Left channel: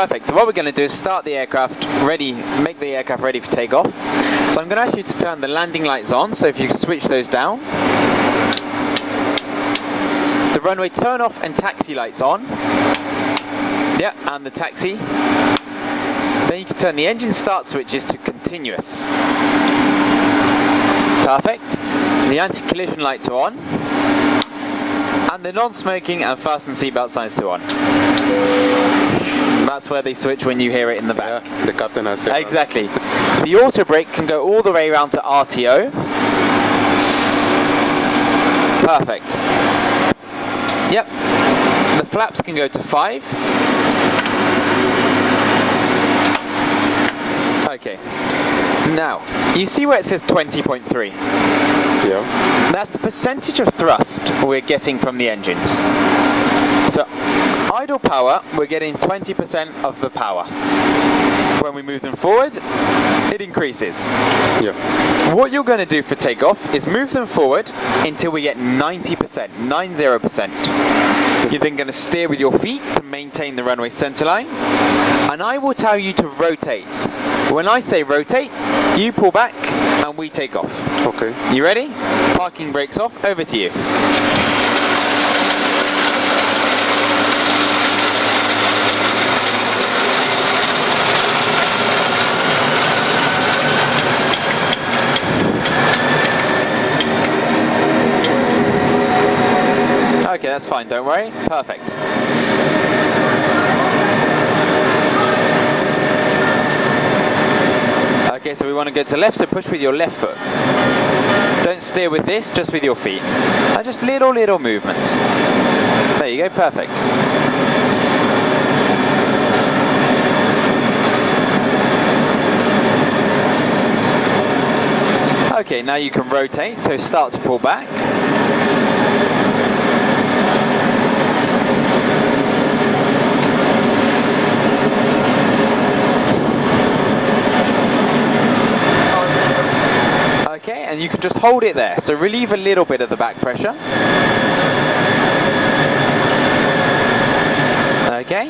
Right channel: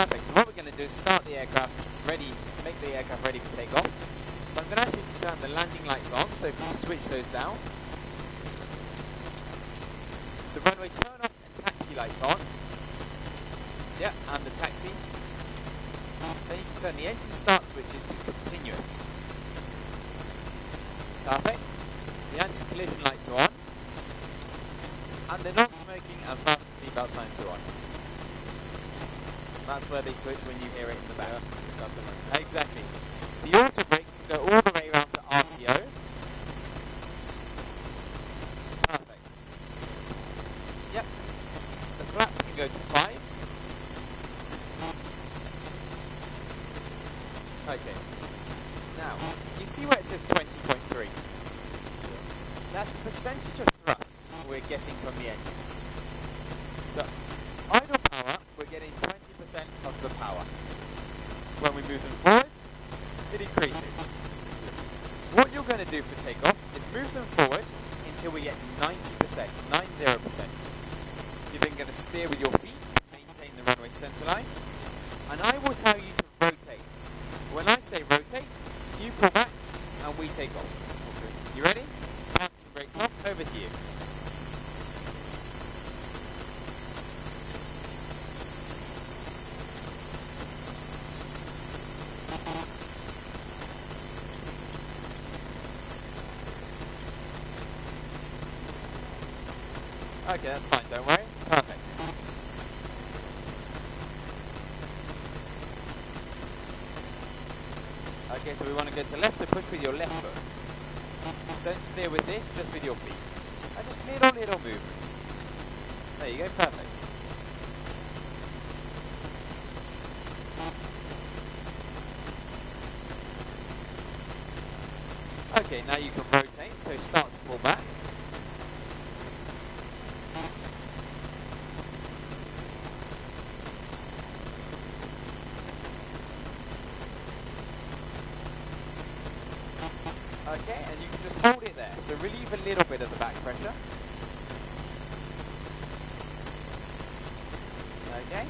Perfect. So what we're going to do is start the aircraft ready, make the aircraft ready for takeoff. So I'm going to ask you to turn the landing lights on, so if you switch those down. The runway turn off and taxi lights on. Yeah, and the taxi. Then you can turn the engine start switches to continuous. Perfect. The anti-collision light to on. And the non-smoking and fasten seatbelt signs to on. That's where they switch when you hear it in the back. Yeah, the captain has said. Exactly. The auto brake can go all the way around to RTO. Perfect. Yep. The flaps can go to 5. Okay. Now, you see where it says 20.3? Yeah. That's the percentage of thrust we're getting from the engines. So, idle power, we're getting 20% of the power. When we move them forward, it increases. Yeah. What you're going to do for takeoff is move them forward until we get 90%, 90%. You're then going to steer with your feet to maintain the runway centerline, and I will tell you to rotate. When I say rotate, you pull back and we take off. Okay. You ready? Parking brakes off, over to you. Okay, that's fine, don't worry. Perfect. Okay, so we want to go to left, so push with your left foot. Don't steer with this, just with your feet. And just little movements. There you go, perfect. Okay, now you can rotate, so start to pull back. And you can just hold it there, so relieve a little bit of the back pressure. Okay.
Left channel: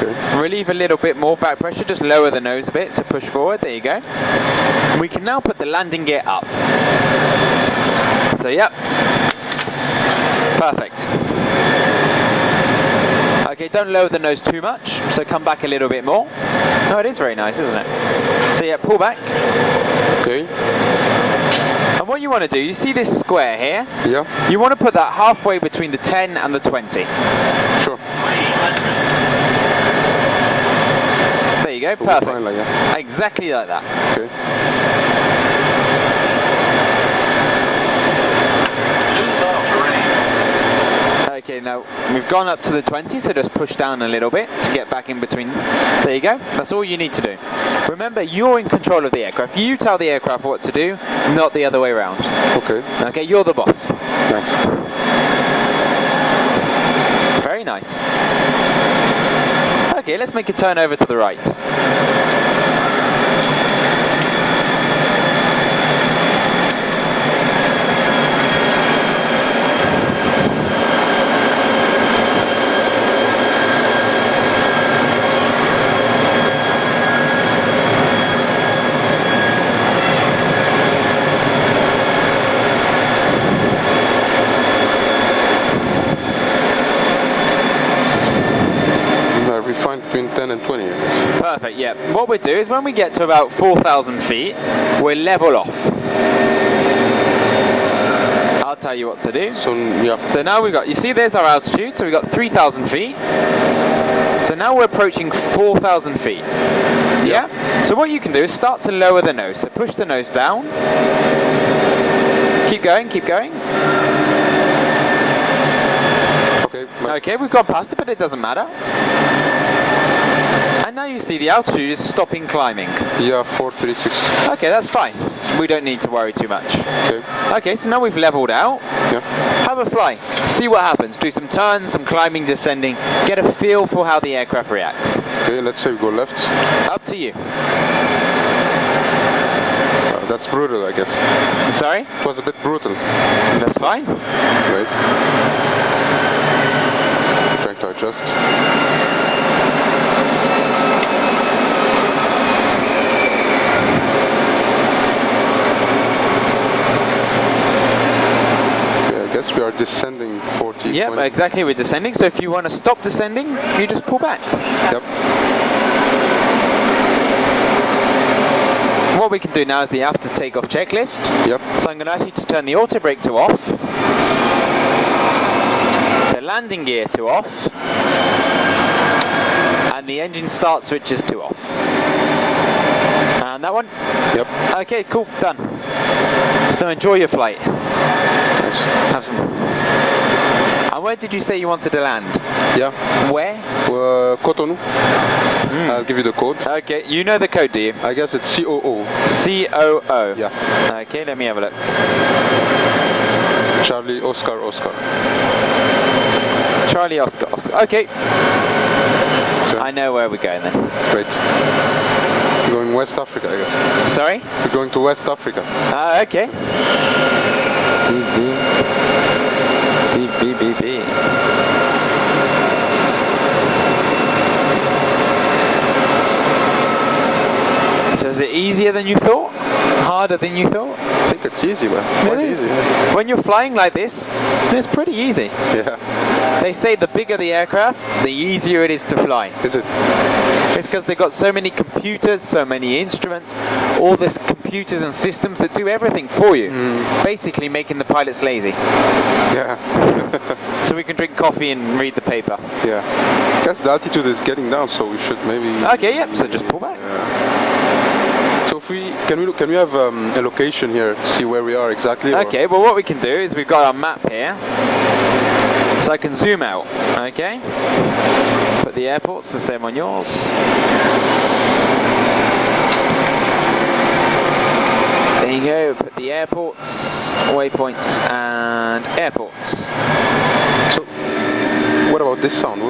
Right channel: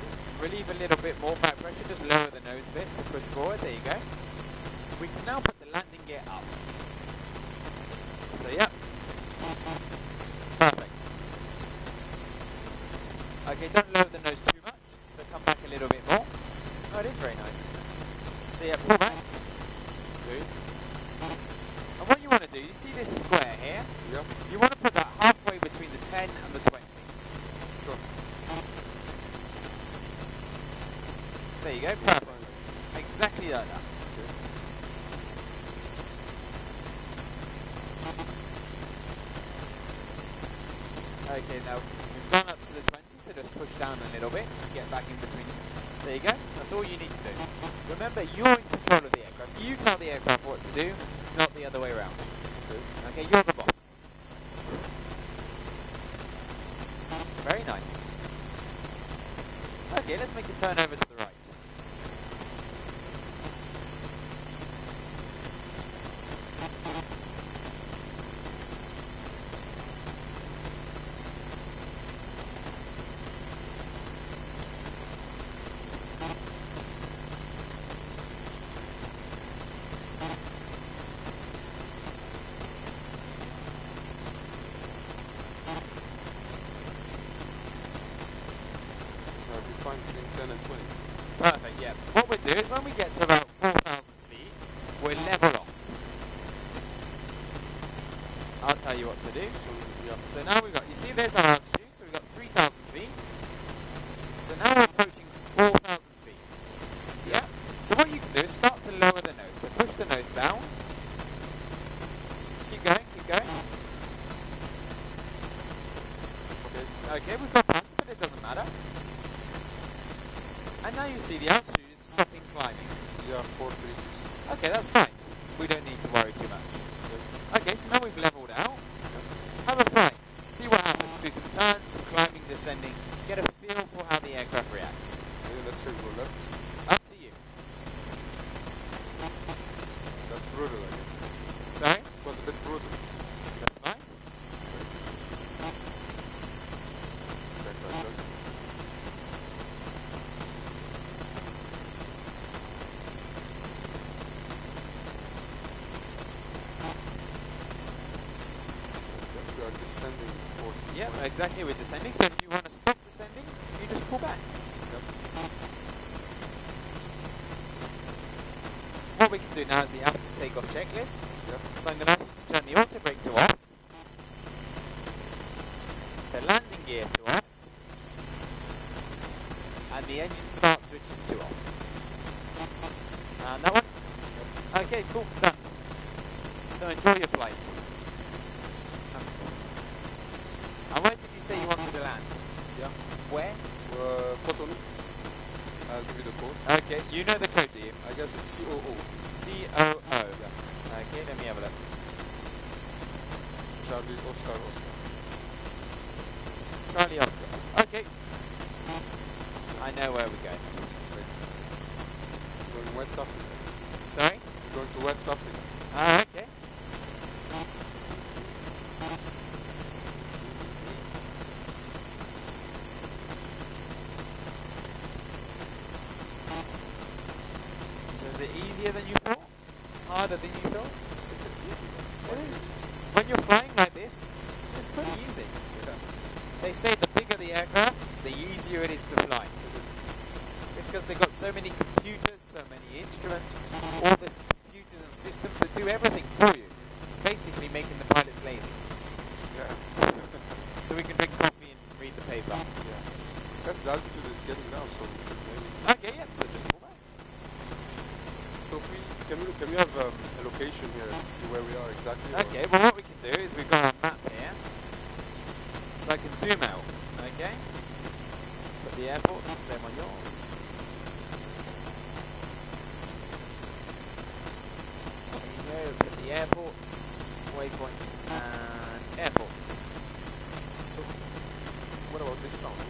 Good. Relieve a little bit more back pressure, just lower the nose a bit, so push forward, there you go. We can now put the landing gear up. So yep. Perfect. Okay, don't lower the nose too much, so come back a little bit more. Oh, it is very nice, isn't it? So yeah, pull back. Okay. And what you want to do, you see this square here? Yeah. You want to put that halfway between the 10 and the 20. Sure. There you go, perfect. Fine like that. Exactly like that. Okay. Okay, now we've gone up to the 20, so just push down a little bit to get back in between. There you go. That's all you need to do. Remember, you're in control of the aircraft. You tell the aircraft what to do, not the other way around. Okay. Okay, you're the boss. Thanks. Very nice. Okay, let's make a turn over to the right. Between 10 and 20, I guess. Perfect, yeah. What we'll do is when we get to about 4,000 feet, we'll level off. I'll tell you what to do. So, yeah. So now we've got, you see there's our altitude, so we've got 3,000 feet. So now we're approaching 4,000 feet. Yeah? So what you can do is start to lower the nose. So push the nose down. Keep going, keep going. Okay, we've gone past it, but it doesn't matter. And now you see the altitude is stopping climbing. Yeah, 436. Okay, that's fine. We don't need to worry too much. Okay. Okay, so now we've leveled out. Yeah. Have a fly. See what happens. Do some turns, some climbing, descending. Get a feel for how the aircraft reacts. Okay, let's say we go left. Up to you. That's brutal, I guess. Sorry? It was a bit brutal. That's fine. Right. Trying to adjust. are descending 40. Yep, 20. exactly, we're descending. So if you want to stop descending, you just pull back. Yep. What we can do now is the after takeoff checklist. Yep. So I'm going to ask you to turn the auto brake to off, the landing gear to off, and the engine start switches to off. And that one? Yep. Okay, cool, done. So enjoy your flight. Nice. Have some. And where did you say you wanted to land? Yeah. Where? Cotonou. I'll give you the code. Okay, you know the code, do you? I guess it's COO. COO. Yeah. Okay, let me have a look. Charlie Oscar Oscar. Charlie Oscar Oscar. Okay. So, I know where we're going then. great. We're going West Africa, I guess. Sorry? We're going to West Africa. Okay. DBBB. So is it easier than you thought? Harder than you thought? I think it's easy, man. It is. When you're flying like this, it's pretty easy. Yeah. They say the bigger the aircraft, the easier it is to fly. Is it? It's because they've got so many computers, so many instruments, all this computers and systems that do everything for you. Basically making the pilots lazy. Yeah. So we can drink coffee and read the paper. Yeah. I guess the altitude is getting down, so we should maybe... Okay, yep, so just pull back. Yeah. So if can we have a location here to see where we are exactly? Okay, well what we can do is we've got our map here. So I can zoom out, okay? Put the airports the same on yours. There you go, put the airports, waypoints and airports. So what about this sound?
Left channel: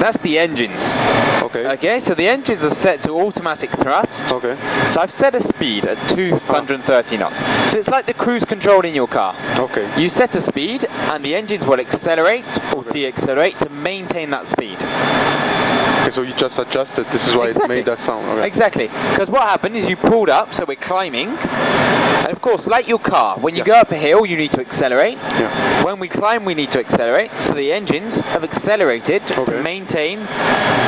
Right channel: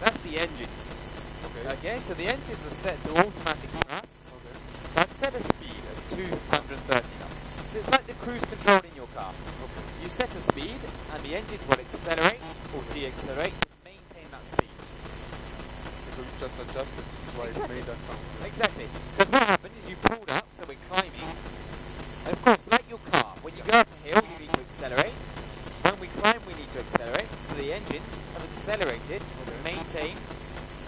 That's the engines. Okay. Okay, so the engines are set to automatic thrust. Okay. So I've set a speed at 230 knots. So it's like the cruise control in your car. Okay. You set a speed and the engines will accelerate or de-accelerate to maintain that speed. Okay, so you just adjusted. This is why it made that sound. Okay. Exactly. Because what happened is you pulled up, so we're climbing. And of course, like your car, when you go up a hill, you need to accelerate. Yeah. When we climb, we need to accelerate. So the engines have accelerated to maintain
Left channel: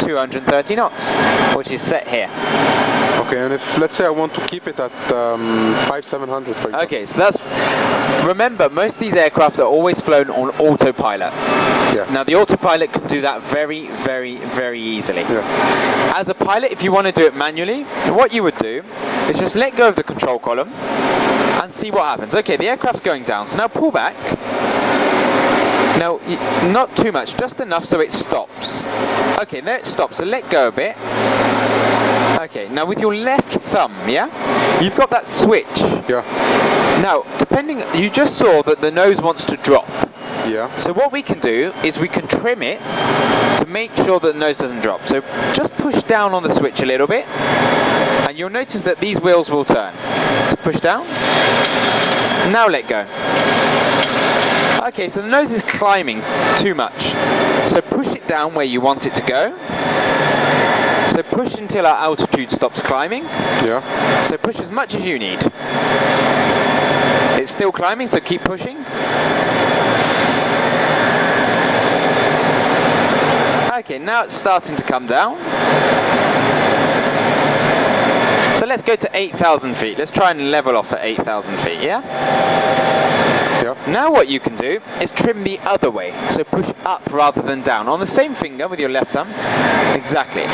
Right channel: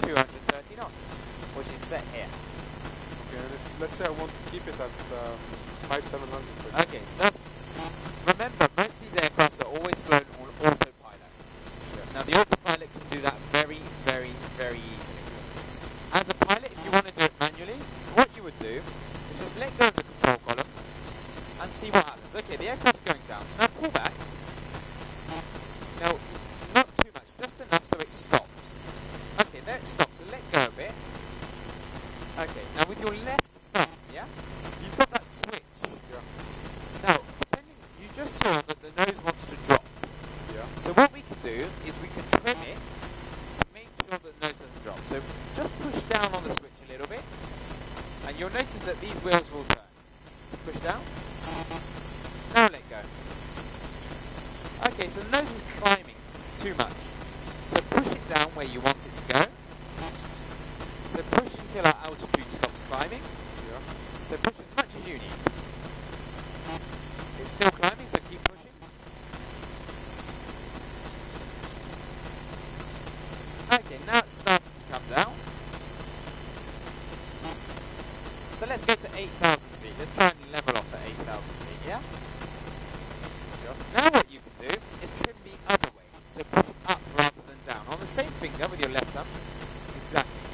230 knots, which is set here. Okay, and if, let's say I want to keep it at 5700, for example. Okay, so that's... Remember, most of these aircraft are always flown on autopilot. Yeah. Now, the autopilot can do that very, very, very easily. Yeah. As a pilot, if you want to do it manually, what you would do is just let go of the control column and see what happens. Okay, the aircraft's going down, so now pull back. Now, not too much, just enough so it stops. Okay, there it stops, so let go a bit. Okay, now with your left thumb, yeah, you've got that switch. Yeah. Now, you just saw that the nose wants to drop. Yeah. So what we can do is we can trim it to make sure that the nose doesn't drop. So just push down on the switch a little bit, and you'll notice that these wheels will turn. So push down. Now let go. Okay, so the nose is climbing too much. So push it down where you want it to go. So push until our altitude stops climbing. Yeah. So push as much as you need. It's still climbing, so keep pushing. Okay, now it's starting to come down. So let's go to 8,000 feet. Let's try and level off at 8,000 feet, yeah? Yeah. Now what you can do is trim the other way. So push up rather than down. On the same finger with your left thumb. Exactly.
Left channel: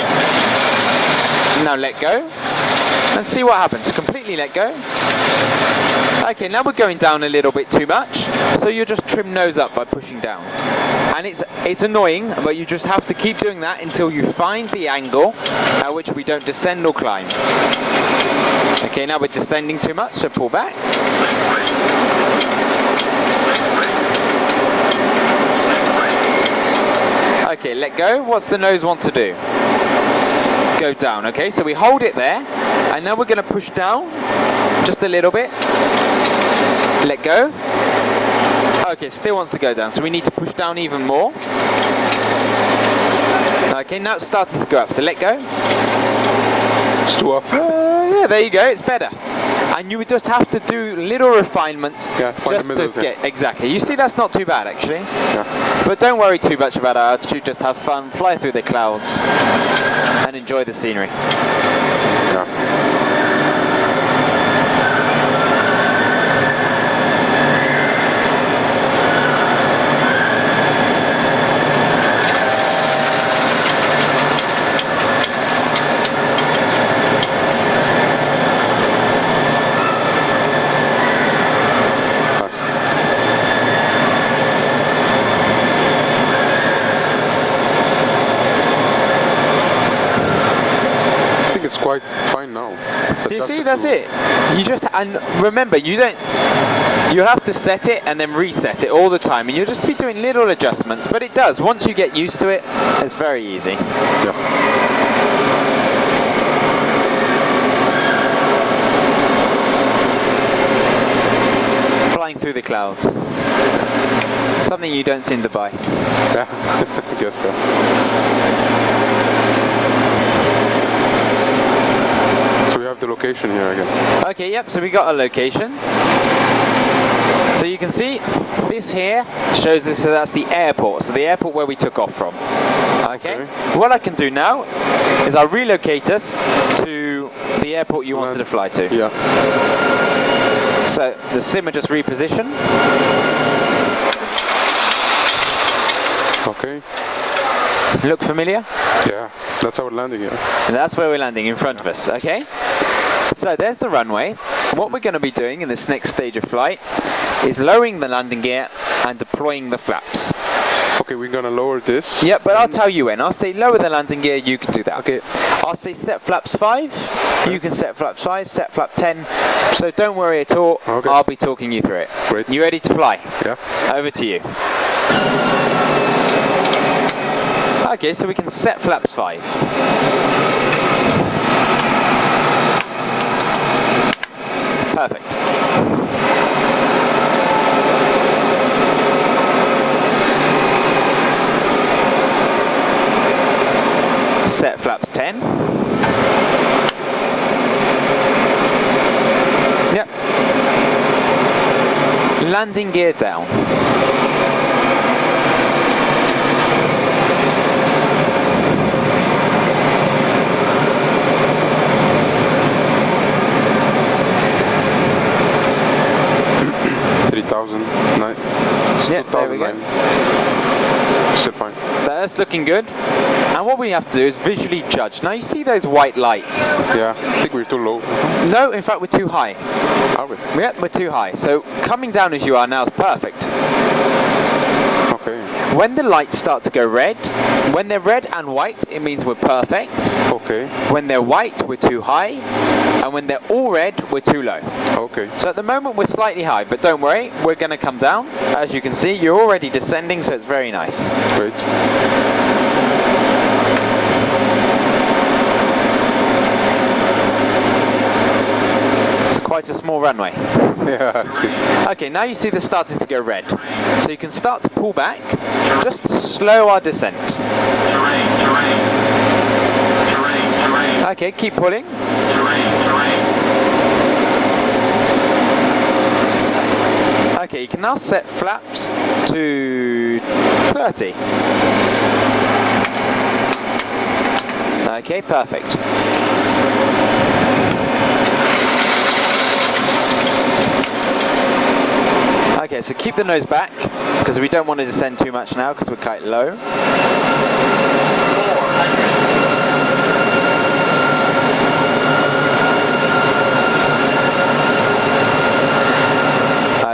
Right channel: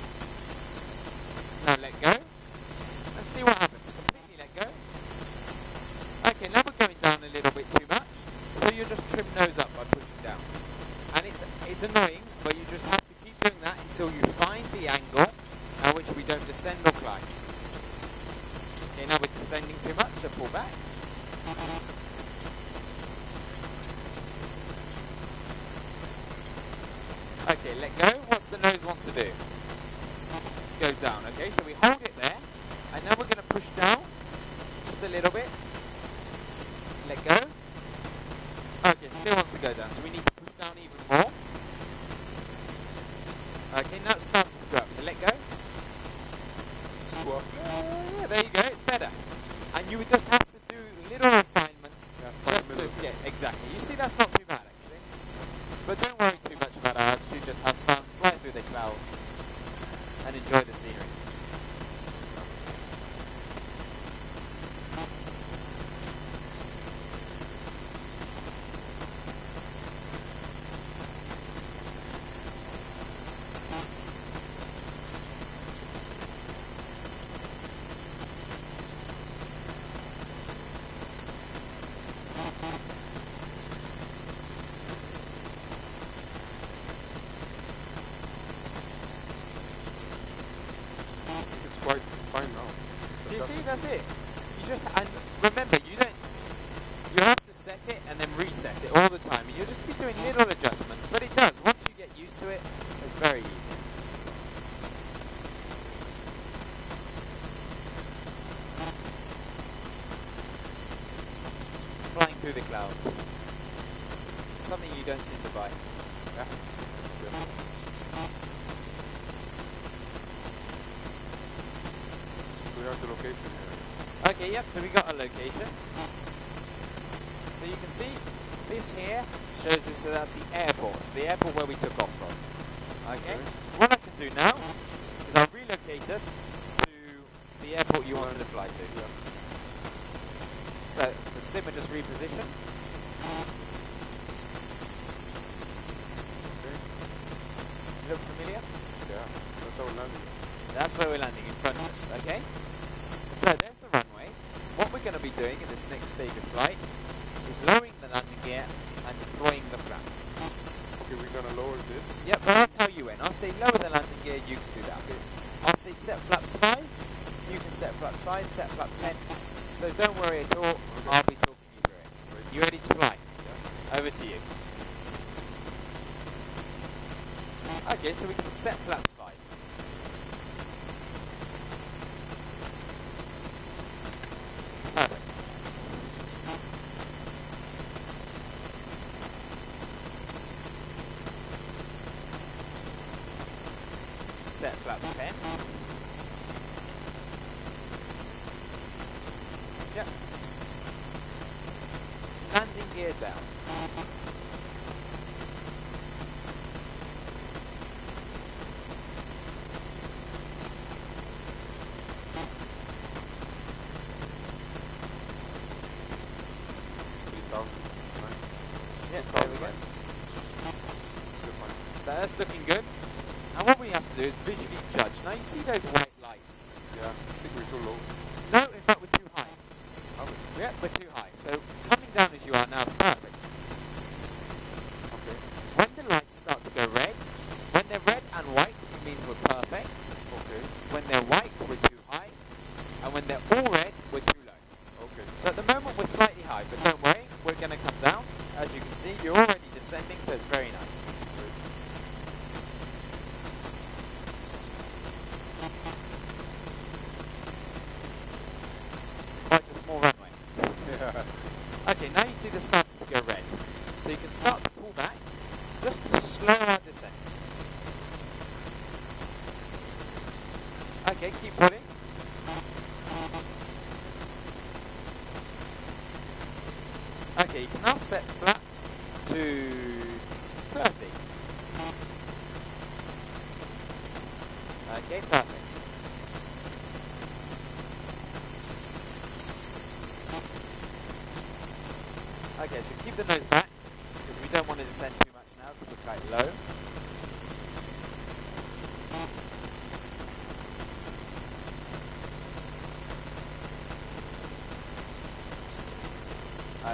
Now let go. And see what happens. Completely let go. Okay, now we're going down a little bit too much. So you just trim nose up by pushing down. And it's annoying, but you just have to keep doing that until you find the angle at which we don't descend or climb. Okay, now we're descending too much, so pull back. Okay, let go. What's the nose want to do? Go down, okay? So we hold it there, and now we're going to push down just a little bit. Let go. Okay, still wants to go down, so we need to push down even more. Okay, now it's starting to go up, so let go. It's too up. Yeah, there you go, it's better. And and you would just have to do little refinements just to get exactly. You see, that's not too bad actually. Yeah. But don't worry too much about our altitude. Just have fun, fly through the clouds, and enjoy the scenery. Yeah. Quite fine now. Do you see? That's it. You just, and remember, you have to set it and then reset it all the time, and you'll just be doing little adjustments. But it does. Once you get used to it, it's very easy. Yeah. Flying through the clouds. Something you don't seem to buy. Yeah. I guess so. The location here again. Okay, yep, so we got a location. So you can see this here shows us, so that's the airport, so the airport where we took off from. Okay, what I can do now is I'll relocate us to the airport you wanted to fly to. Yeah. So the simmer just reposition. Okay. Look familiar? Yeah, that's how we're landing here. And that's where we're landing, in front of us, okay? So there's the runway. What we're going to be doing in this next stage of flight is lowering the landing gear and deploying the flaps. Okay, we're going to lower this. Yep, but I'll tell you when. I'll say lower the landing gear, you can do that. Okay. I'll say set flaps 5, you can set flaps 5, set flap 10. So don't worry at all, okay. I'll be talking you through it. Great. You ready to fly? Yeah. Over to you. Okay, so we can set flaps 5. Perfect. Set flaps 10. Yep. Landing gear down. 3,009. Yeah, there we go. Still fine. That's looking good. And what we have to do is visually judge. Now you see those white lights? Yeah, I think we're too low. No, in fact we're too high. Are we? Yeah, we're too high. So coming down as you are now is perfect. Okay. When the lights start to go red, when they're red and white, it means we're perfect. Okay. When they're white, we're too high. And when they're all red, we're too low. Okay. So at the moment we're slightly high, but don't worry, we're going to come down. As you can see, you're already descending, so it's very nice. Great. It's quite a small runway. Yeah, it's good. Okay, now you see this starting to go red. So you can start to pull back, just to slow our descent. Okay, keep pulling. Okay, you can now set flaps to 30. Okay, perfect. Okay, so keep the nose back, because we don't want to descend too much now, because we're quite low.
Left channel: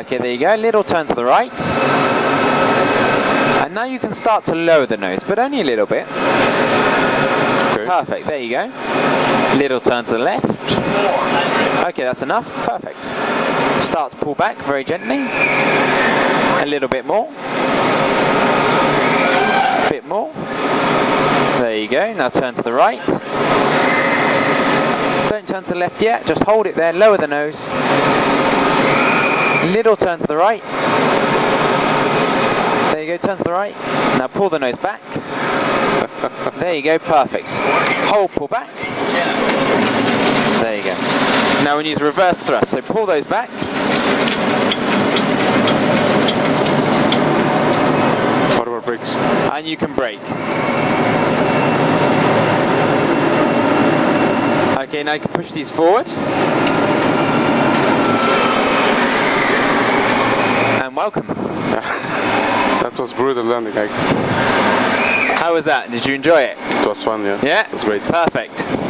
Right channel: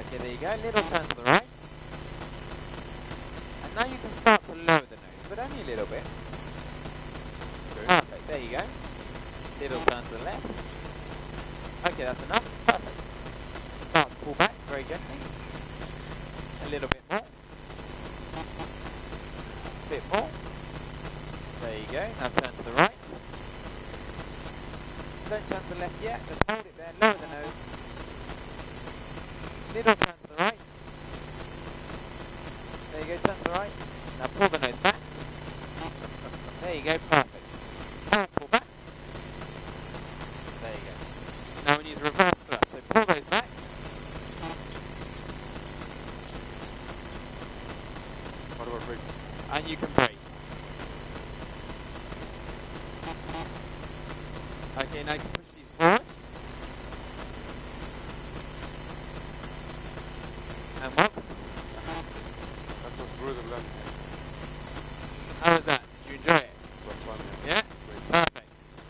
Okay, there you go, little turn to the right. And now you can start to lower the nose, but only a little bit. Okay. Perfect, there you go. Little turn to the left. Okay, that's enough, perfect. Start to pull back very gently. A little bit more. A bit more. There you go, now turn to the right. Don't turn to the left yet, just hold it there, lower the nose. Little turn to the right. There you go, turn to the right. Now pull the nose back. There you go, perfect. Hold, pull back. There you go. Now when and use reverse thrust. So pull those back. What about brakes? And you can brake. Okay, now you can push these forward. And welcome. That was brutal landing. How was that? Did you enjoy it? It was fun, yeah. Yeah? It was great. Perfect.